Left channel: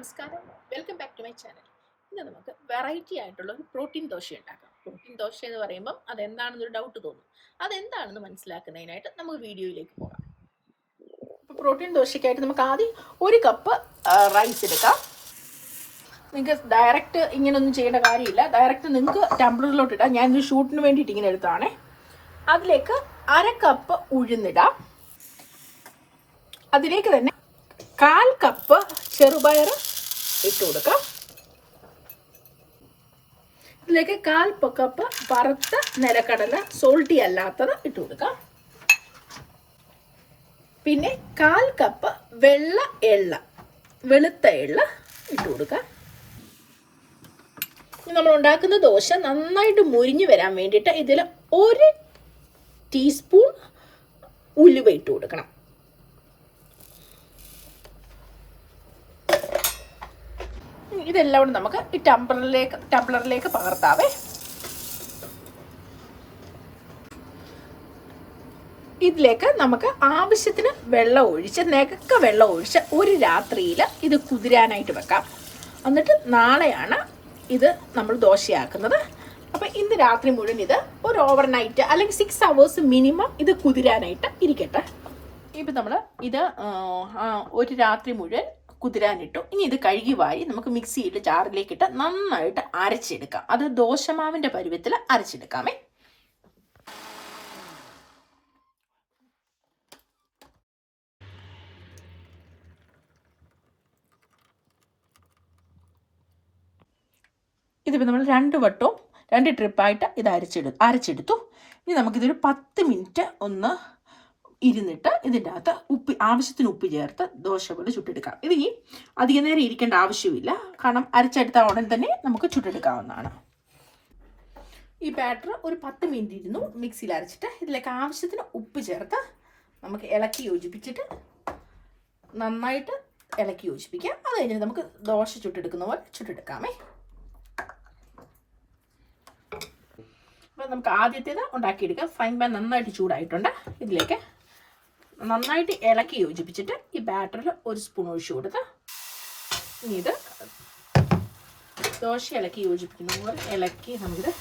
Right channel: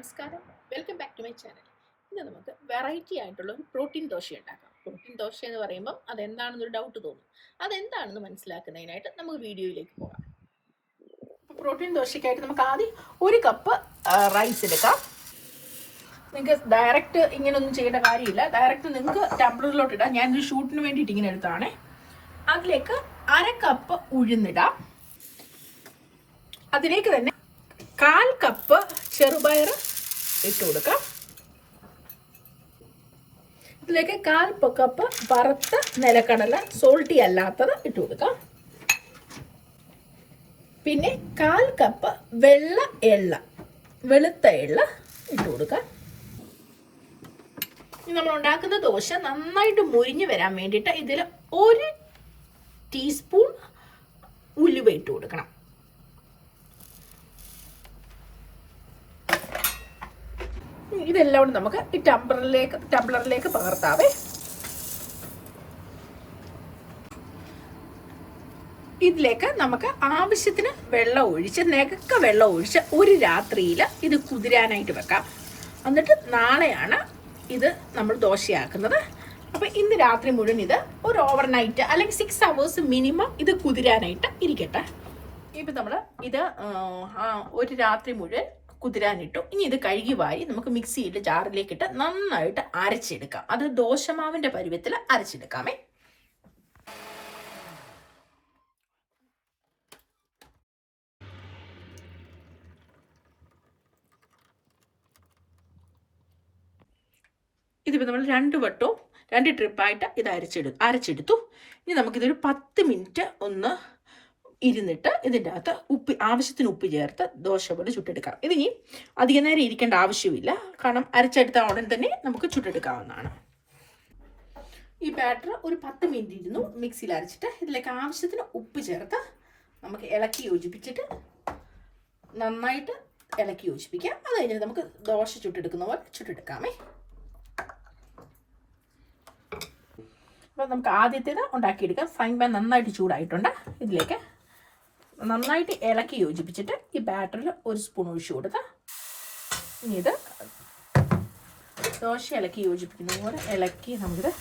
നമസ്കാരം, welcome back to my channel. ഇന്ന് നമുക്ക് വെറൈറ്റി ആയിട്ടുള്ള ഒരു പ്രോട്ടീൻ ദോശ ഉണ്ടാക്കാം. പ്രോട്ടീൻ ദോശ എന്ന് പറയുമ്പം അതെന്താണെന്നൊരു ഡൗട്ട് തോന്നും. അതെന്താണെന്ന് മനസ്സിലാക്കുന്നതിനായിട്ട് നമുക്ക് വീഡിയോയിലേക്ക് പോകാം. പ്രോട്ടീൻ ദോശയ്ക്കായിട്ട് നമുക്ക് ആദ്യം ഒരു കപ്പ് റൈസ് എടുക്കാം. നിങ്ങൾക്ക് ഡയറക്റ്റ് ഇങ്ങനെയൊന്നും ചെയ്യേണ്ട കാര്യമില്ല. ഡയറക്റ്റ് നിങ്ങൾക്ക് ടെമ്പറിലോട്ട് ഇടാം. ഞാനൊരു ഷൂട്ടിന് വേണ്ടിയിട്ട് ഇങ്ങനെ എടുത്താണേ. അതിലേക്ക് അര കപ്പ് ഉഴുന്നിടാം. അതിലേക്ക് തന്നെ 1/4 കപ്പ് ചെറുപയർ ഇട്ട് കൊടുക്കാം. ഇതിലേക്ക് 1/4 കപ്പ് വറുത്ത നിലക്കടല സോൾട്ടി അല്ലാത്തത് ഇട്ട് കൊടുക്കാം. പിന്നെ 1/4 കപ്പ് വെളുത്ത എള്ള ഇട്ട് കൊടുക്കാം. നമ്മൾ ഉണ്ടാക്കുന്ന ദോശ നന്നായിട്ട് മുരിഞ്ഞു വരാൻ വേണ്ടിയിട്ട് ഇതിൽ 1 ടീസ്പൂൺ ഉലുവ ഇട്ട് കൊടുക്കണം. ഇതെല്ലാം കൂടെ നമുക്ക് ഈ ടംബ്ലറിലേക്ക് പകർത്താവേ. ഇതിലേക്ക് നമുക്ക് ആവശ്യത്തിന് വെള്ളം ഒഴിച്ച് ഒരു രാത്രിയിൽ ഇത് കുതിരാനായിട്ട് വെക്കാം. എന്നിട്ട് നാളെയാണ് ഇത് നമ്മൾ ദോശയാക്കുന്നത്. അപ്പം ഇന്ന് രാത്രി മുഴുവൻ ഇത് ഒരു ഓവർനൈറ്റ് അല്ലെങ്കിൽ 6 hours മിനിമം ഇത് കുതിരാനായിട്ട് ഇരിക്കട്ടെ. ഇപ്പം നമ്മൾ ഇത് ഒരു രാത്രി മുഴുവൻ കുതിരാനിട്ടു. ഇനി ഇത് കഴുകി വാരി നമുക്ക് മിക്സിയിൽ ജാറിലേക്കിട്ട് നന്നായിട്ട് അരച്ചെടുക്കാം. അത് ദോശമാവിൻ്റെ പരുവത്തിൽ അരച്ചെടുക്കാമേ. ഇതിപ്പോൾ നമ്മൾ 2 ട്രിപ്പായിട്ട് ഇത് അരച്ചെടുത്തു. ഇനി നമുക്കിതൊരു 10 മിനിറ്റ് ഒന്ന് ഇരുന്നിട്ട് ഇതിൻ്റെ അകത്ത് ആവശ്യത്തിന് ഉപ്പ് ചേർത്ത് ദോശ പോലെ ചുട്ടെടുക്കാം. ഇതിനി അധികം നേരം ഇരിക്കേണ്ട ആവശ്യമില്ല, കാരണം അരച്ചെടുത്ത ഉടൻ തന്നെ നമുക്ക് ചുട്ടെടുക്കാവുന്നതാണ്. ഈ ബാറ്റർ ഒരു 10 മിനിറ്റ് ഇരുന്നു മിക്സിയിൽ അരച്ചിട്ട് ഇതിലേക്ക് ആവശ്യത്തിന് ഉപ്പ് ചേർത്ത് നമുക്ക് ഇളക്കി യോജിപ്പിച്ചിട്ട് നന്നായിട്ട് ഇളക്കി യോജിപ്പിക്കാം. അത് കഴിഞ്ഞിട്ട് നമുക്ക് ദോശ ചുട്ടെടുക്കുന്ന പോലെ ചുട്ടെടുക്കാമേ. അപ്പോൾ നമുക്ക് ആദ്യത്തേത് ഉണ്ടാക്കിയെടുക്കാം. ഫ്രൈ പാൻ നന്നായിട്ട് ചൂടായിട്ടുണ്ട്. ഇതിലേക്ക് നന്നായിട്ട് ഇളക്കി യോജിപ്പിച്ചിട്ട് ഈ ബാറ്ററിൽ 1 സ്പൂൺ ഒഴിച്ചു കൊടുത്ത് ഇനി ഇത് ദോശ ഇളക്കി യോജിപ്പിക്കുന്നത് പോലെ ഇളക്കി നമുക്കിത്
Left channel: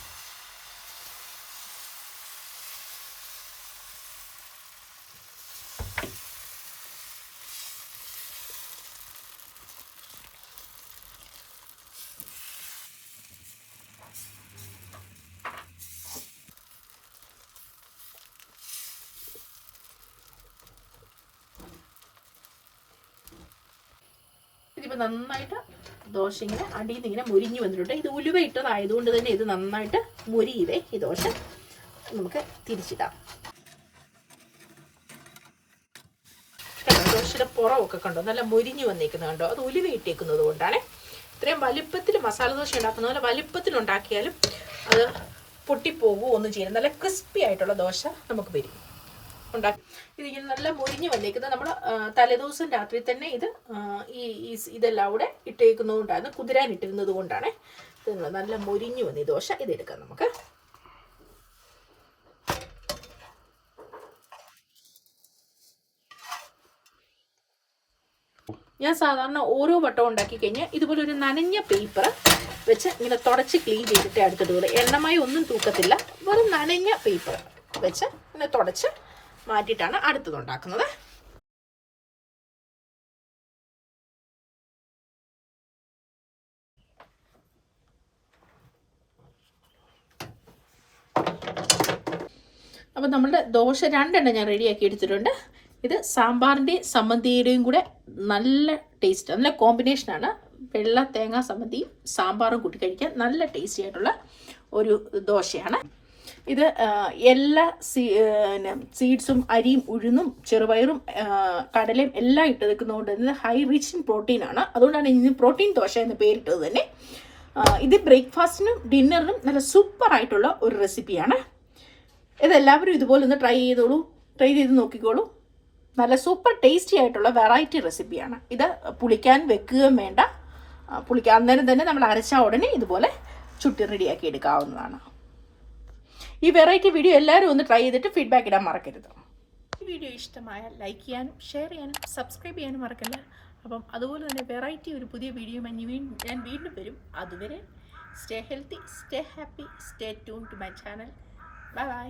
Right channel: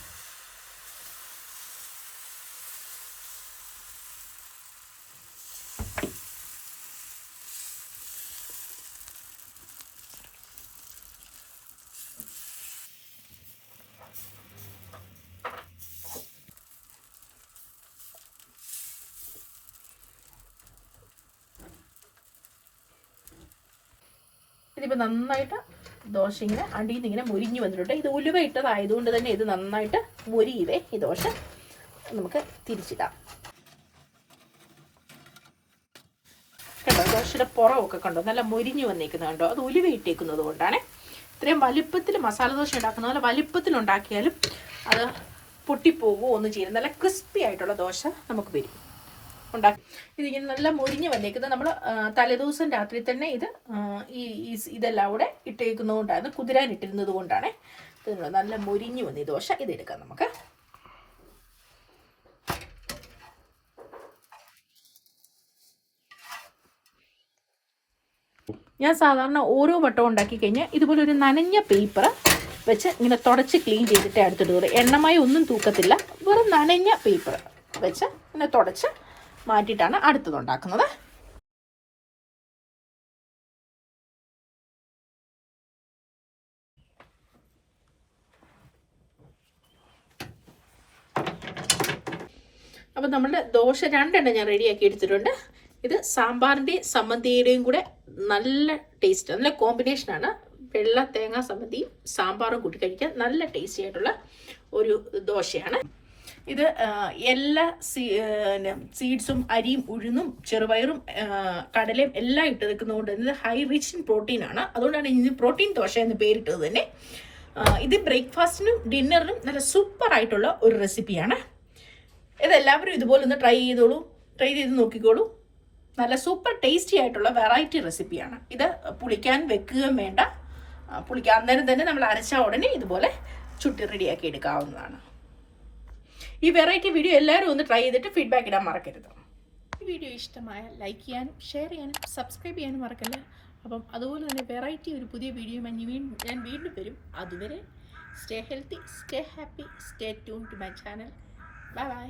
ഇതിപ്പോൾ നന്നായിട്ട് ദോശ ഇങ്ങനെ അടിയിൽ നിന്ന് ഇങ്ങനെ മുരിഞ്ഞ് വന്നിട്ടുണ്ട്. ഇത് ഉലുവ ഇട്ടതായതുകൊണ്ട് തന്നെ ഇത് നന്നായിട്ട് മുരിയുവേ. ഈ ദോശ നമുക്ക് തിരിച്ചിടാം. കണ്ടോ, ദോശയുടെ പുറമൊക്കെ കണ്ടോ നല്ല മുരിഞ്ഞ് വന്നേക്കുന്നത് കണ്ടോ. അത് ഉലുവ ഇട്ടേക്കുന്നത് കൊണ്ടാണ്. ഇത്രയും വലിപ്പത്തിൽ മസാല ദോശ ഉണ്ടാക്കുന്ന പോലെ വലിപ്പത്തിൽ ഉണ്ടാക്കിയാലും അത് പൊട്ടിപ്പോകുമോ ഒന്നും ചെയ്യും. നല്ല ക്രിസ്പി ആയിട്ടുള്ള ദോശ നമുക്ക് വരും ഉണ്ടാക്കി. ഇതിങ്ങനെ നല്ല മുരിഞ്ഞ് വന്നേക്കുന്നത് നമ്മൾ തലേദിവസം രാത്രി തന്നെ ഇതെല്ലാം കൂടെ ഇട്ടേക്കുന്നത് കൊണ്ടാണ്, കുതിരാനിട്ടിരുന്നത് കൊണ്ടാണ് ഇത് നല്ല മുരിഞ്ഞു വന്ന ഈ ദോശ. ഇതെടുക്കാം നമുക്ക്. ഞാൻ സാധാരണ ഓരോ വട്ടവും ഉണ്ടാക്കി കഴിഞ്ഞാൽ ഇതുപോലെ ഒരു നനഞ്ഞ പേപ്പർ വെച്ച് ഇങ്ങനെ തുടച്ച് ക്ലീൻ ചെയ്തിട്ട് എടുത്തിട്ട് വരും. എണ്ണമായി ഒന്നും തൂക്കത്തില്ല. വെറും നനഞ്ഞ പേപ്പർ വെച്ച് ഇങ്ങനെ തുടച്ച് മാറ്റിയിട്ടാണ് അടുത്തത് ഉണ്ടാക്കുന്നത്. അപ്പോൾ നമ്മുടെ ദോശ 2 എണ്ണം ഞാൻ റെഡിയാക്കി എടുത്തിട്ടുണ്ട്. ഇത് സാമ്പാറിൻ്റെയും സമ്മന്തിയുടെയും കൂടെ നല്ല ടേസ്റ്റ്, നല്ല കോമ്പിനേഷനാണ്. വെള്ള തേങ്ങാ സമ്മന്തിയും സാമ്പാറും കൂട്ടി കഴിക്കാൻ നല്ല ടേസ്റ്റി ആയിട്ടുള്ള ഒരു ദോശയാണ്. ഇത് എല്ലാ സീഡ്സും അരിയും ഉഴുന്നും ചെറുപയറും കടലയും എല്ലാം ഇട്ട് നിൽക്കുന്നതുകൊണ്ട് ഇത് ഹൈ റിച്ച് ഇൻ പ്രോട്ടീനാണ്. അതുകൊണ്ടാണ് ഇതിന് പ്രോട്ടീൻ ദോശ എന്ന് പേരിട്ടത് തന്നെ. ഇത് ബ്രേക്ക്ഫാസ്റ്റിനും ഡിന്നറിനും നല്ല സൂപ്പർ ആയിട്ടുള്ള ഒരു റെസിപ്പിയാണ്. ഇതെല്ലാവരും ഇതുപോലെ ഒന്ന് ട്രൈ ചെയ്ത് നോക്കിക്കോളൂ. നല്ല സൂപ്പർ ടേസ്റ്റി ആയിട്ടുള്ള വെറൈറ്റി റെസിപ്പിയാണ്. ഇത് പുളിക്കാൻ വെക്കുകയും വേണ്ട. പുളിക്കാൻ നേരം തന്നെ നമ്മൾ അരച്ച ഉടനെ ഇതുപോലെ ചുട്ടി റെഡിയാക്കി എടുക്കാവുന്നതാണ്. ഈ വെറൈറ്റി വീഡിയോ എല്ലാവരും ഒന്ന് ട്രൈ ചെയ്തിട്ട് ഫീഡ്ബാക്ക് ഇടാൻ മറക്കരുത്. ഈ വീഡിയോ ഇഷ്ടമായാൽ ലൈക്ക് ചെയ്യാനും ഷെയർ ചെയ്യാനും സബ്സ്ക്രൈബ് ചെയ്യാനും മറക്കല്ല. അപ്പം അതുപോലെ തന്നെ വെറൈറ്റി ഒരു പുതിയ വീഡിയോ ഞാൻ വീണ്ടും വരും. അതുവരെ stay healthy, stay happy, stay tune to my channel. Bye by.